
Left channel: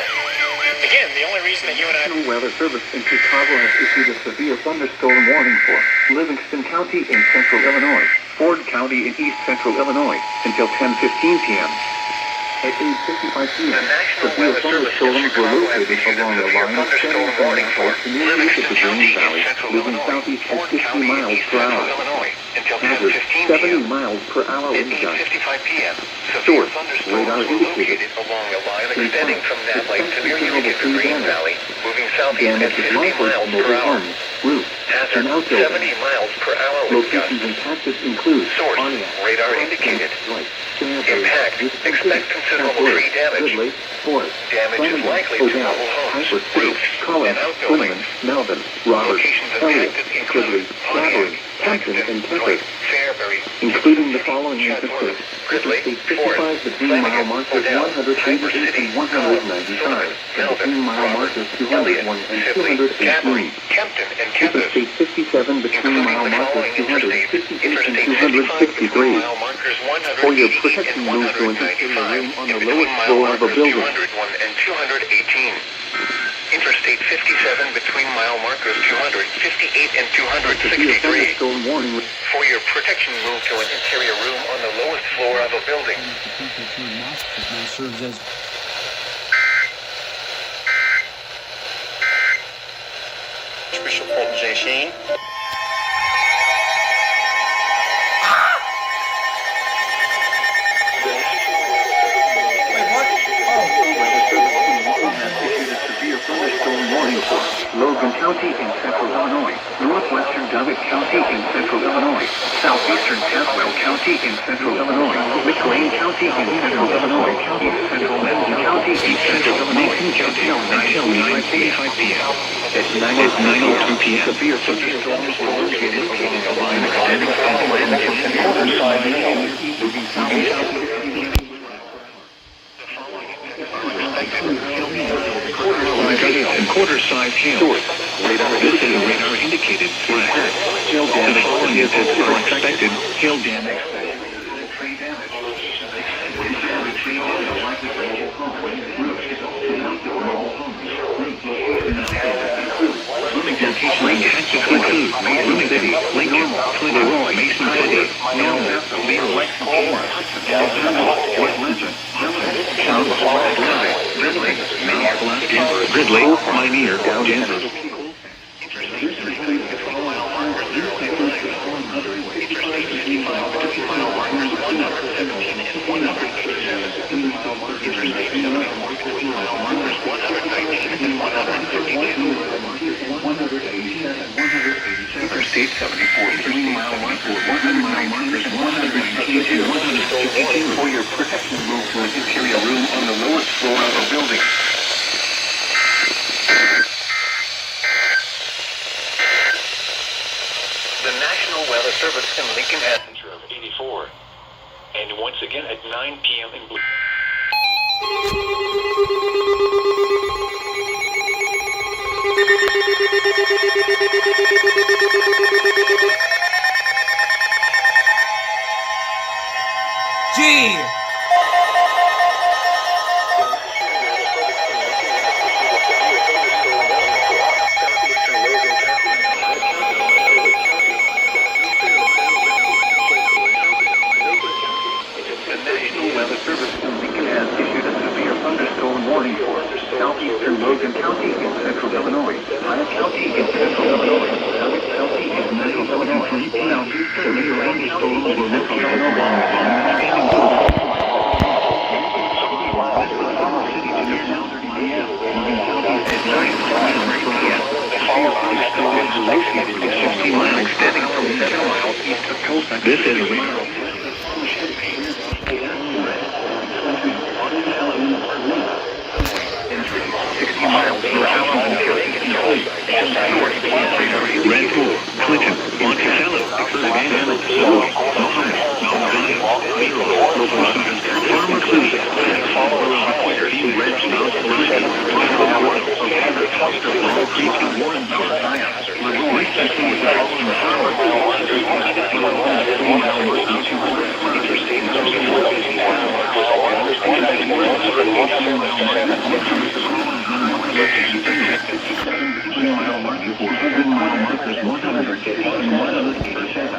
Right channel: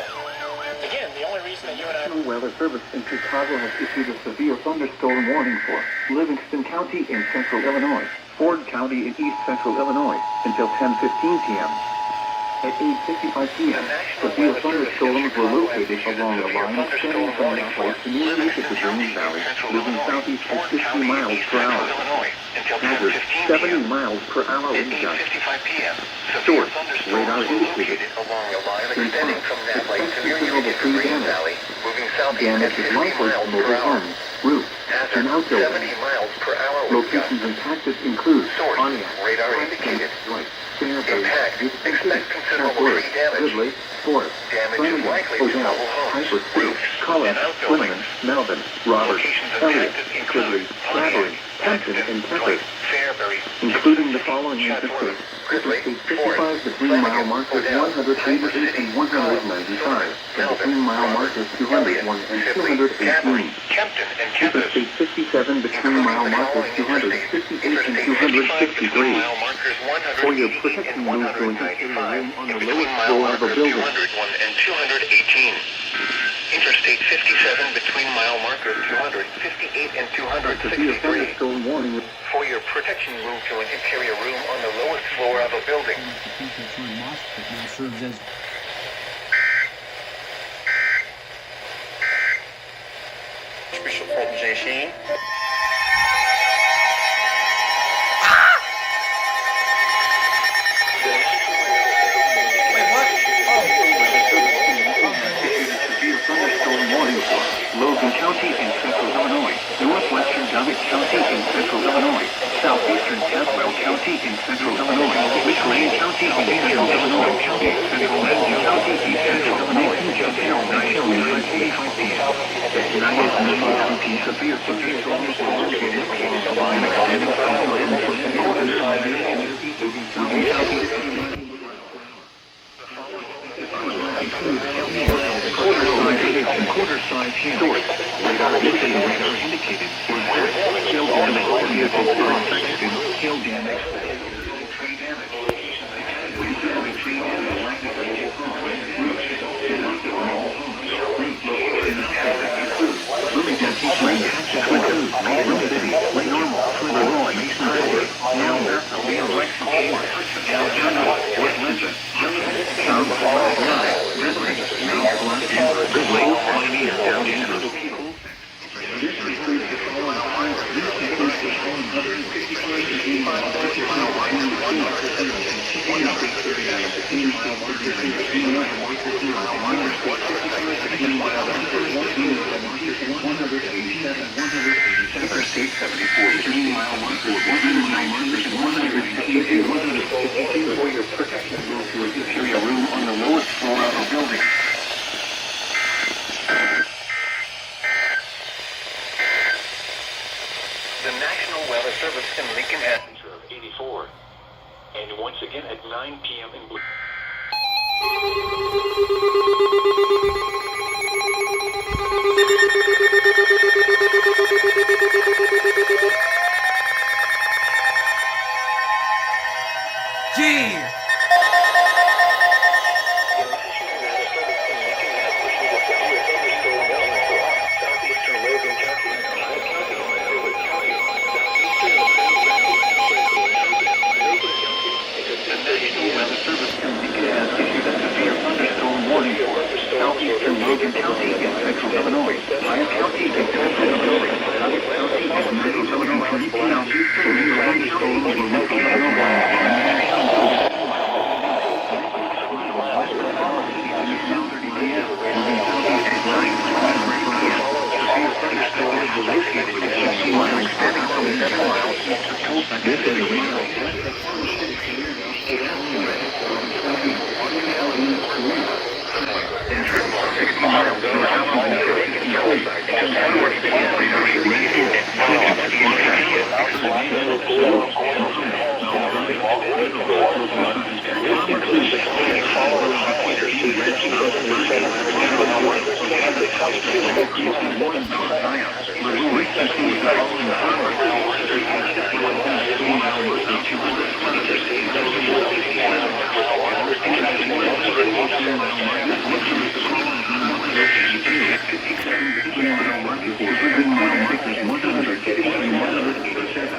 Again, the only reason that you and I... National Weather Service in Chicago has issued a severe thunderstorm warning for Livingston County in central Illinois, Ford County in east central Illinois until 10:15 p.m. At 8:55 p.m., severe thunderstorms were located along the line extending from Nashville to near east of the Green Valley, moving southeast at 50 miles per hour. Hazard 70 miles per hour wind gusts. Source, radar indicated. extending from Nat Lake to near Considerable tree Green damage. Valley, moving southeast Damage at is 50 likely to miles per mobile hour. homes, roofs, and Hazard outbuildings. 70 miles per hour wind gusts. Locations impacted include Source, Pontiac, radar indicated. White, Stanford, Impact, Houston expect City, considerable Southwood, tree damage. Woodley, Forest, Damage is Flanagan, likely to Odell, mobile homes, Hyper City, roofs, Collins, and outbuildings. Quinlan, Melvin, Roberts, Locations Elliott, impacted include Quigley, Flattery, Hampton, and Tempe, Fairbury, including the following instances. Gridley, Interstate 55 Forest, between mile Flanagan, markers Odell, 188 and 195, and between mile markers 201 and 218. Kempton, and Kempis. Interstate 57 between mile markers 258 and 263. For your protection, move to an interior room on the lowest floor of a building. 201 and 218. Interstate 57 between mile markers 258 and Severe 263. thunderstorm warning. For your protection, move to an interior room on the lowest floor of a building. Now serves as... Bishop Fulton J. Sheen. Wait, what? Severe thunderstorm warning for Logan County in central Illinois, northwestern Doggett County in central Illinois, southeastern Tazewell County in central Illinois, McLean County in central Illinois, central Lincoln County in central Illinois, until 9:45 p.m. At 9:02 p.m. Severe thunderstorms were located along the line extending from Lincoln to moving southeast. Quarter-size hail. This is a radar-indicated threat. The following events are expected: hail damage. Locations include Mason City, Lake Normal, Leroy, Mason City, Nelson, Leroy, West Lincoln, Ridley, Mount Bluff, Ridley, Pioneer, Denver. Interstate 74 between mile markers 119 and 152 for your protection. Move to an interior room on the lowest floor of a building. The National Weather Service in Lincoln has 84. And once again at 9 p.m. in blue. G. Southeastern Logan County in central Illinois, Pike County in central Illinois, South County in central Illinois, Southeastern Thunderstorm in central Illinois. This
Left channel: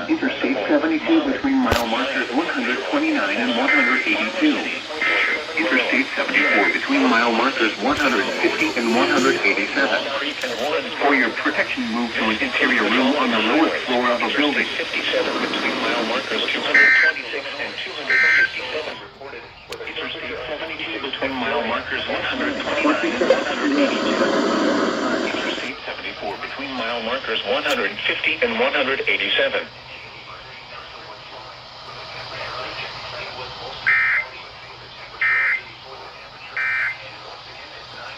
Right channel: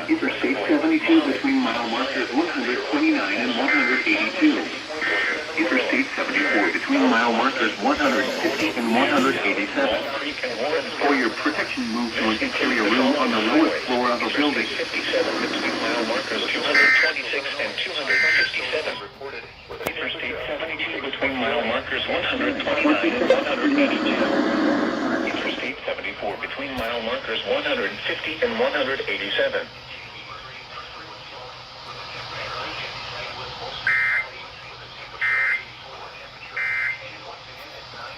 Interstate 72 between mile markers 129 and 182. Interstate 74 between mile markers 150 and 187. For your protection, move to an interior room on the lowest floor of a building. 57 between mile markers 226 and 257 reported with Interstate 72 between mile markers 129 and 182. Interstate 74 between mile markers 150 and 187.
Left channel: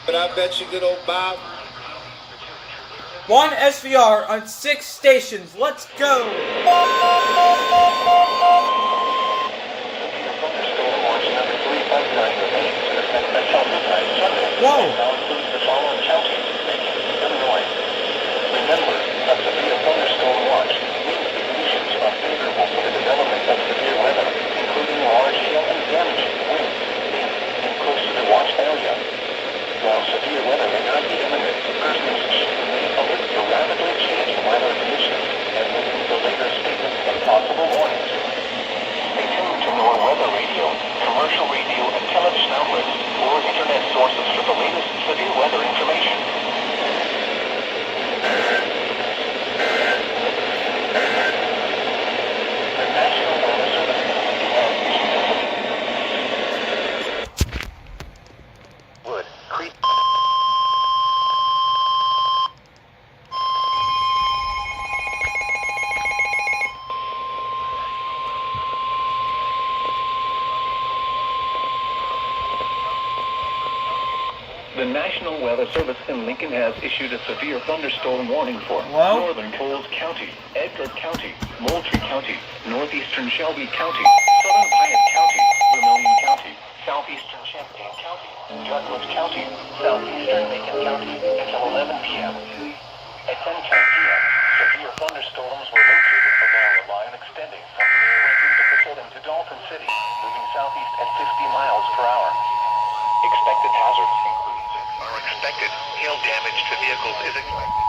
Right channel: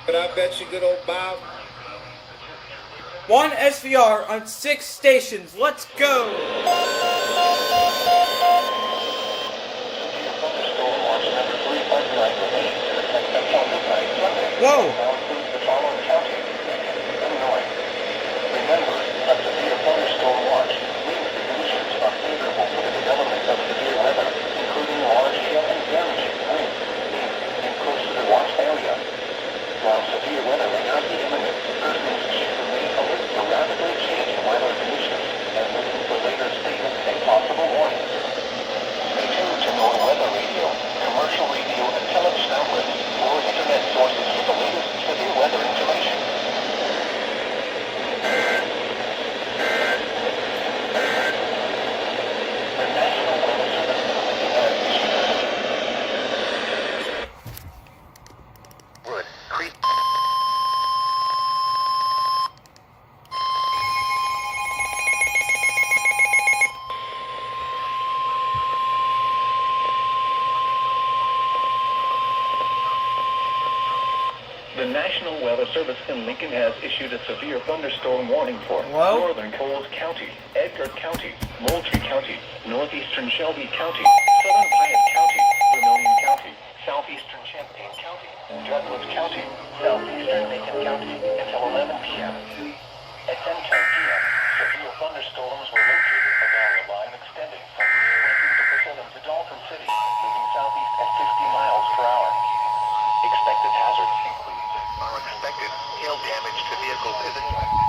But I bet you good old Bob. 1 SVR on 6 stations. Let's go! Whoa! The following counties, Lincoln, Illinois. Remember, a severe thunderstorm watch means the conditions are favorable for the development of severe weather, including large hail and damaging winds in and close to the watch area. While severe weather may not be imminent, persons should remain alert to rapidly changing weather conditions and listen to later statements and possible warnings. Stay tuned to more weather radio, commercial radio, and television outlets or internet sources for the latest severe weather information. The National Weather Service has Wood Creek. The National Weather Service in Lincoln has issued a severe thunderstorm warning for northern Coles County, Edgar County, Moultrie County, northeastern Shelby County, southern Piatt County, Vermilion County, southeastern Champaign County, Douglas County, southeastern Macon County until 11 p.m. At 10:10 p.m., severe thunderstorms were located along a line extending from near Lincoln to Pasadena to Dalton City, moving southeast at 60 miles per hour. Expected hazards include expected hail damage to vehicles is expected.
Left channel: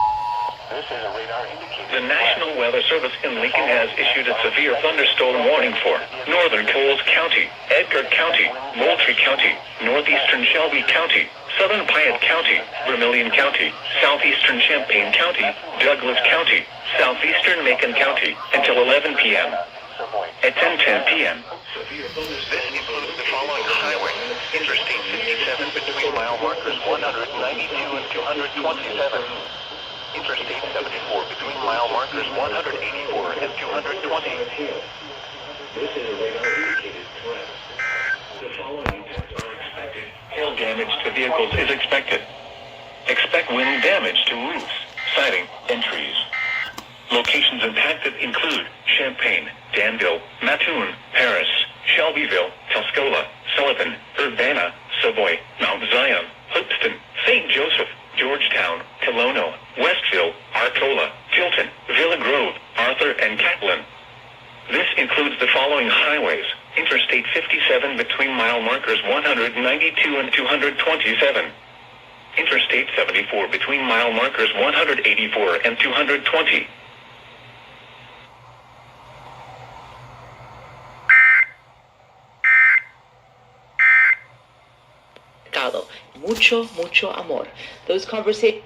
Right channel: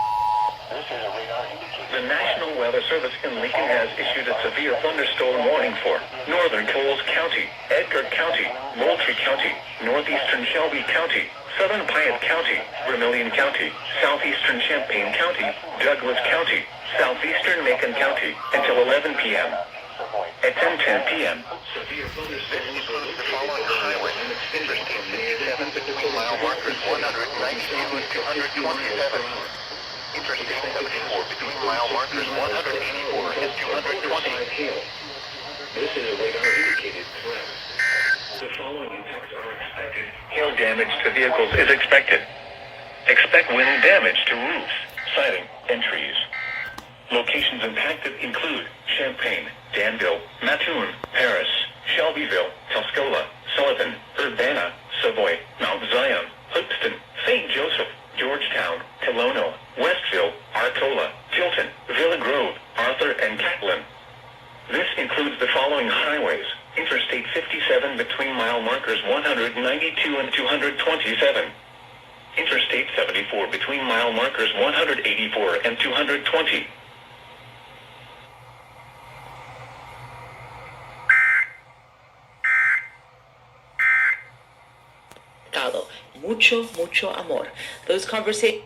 This is a radar indicator. The National Weather Service in Lincoln has issued a severe thunderstorm warning for northern Coles County, Edgar County, Moultrie County, northeastern Shelby County, southern Piatt County, Vermilion County, southeastern Champaign County, Douglas County, southeastern Macon County until 11 p.m. At 10:10 p.m. This includes the following highways: Interstate 57 57 between mile markers 192 and 227. Interstate 74 between mile markers 184 and 220. This is a radar indicated threat. The following events are expected. Hail damage to vehicles is expected. Expect wind damage to roofs, siding, and trees. Locations impacted include Champaign, Danville, Mattoon, Paris, Shelbyville, Tuscola, Sullivan, Urbana, Savoy, Mount Zion, Hoopeston, St. Joseph, Georgetown, Tolono, Westville, Arcola, Tilton, Villa Grove, Arthur, and Catlin. This includes the following highways: Interstate 57 between mile markers 192 and 227. Interstate 74 between mile markers 184 and 220. Mucho, mucho amor. Those conversations.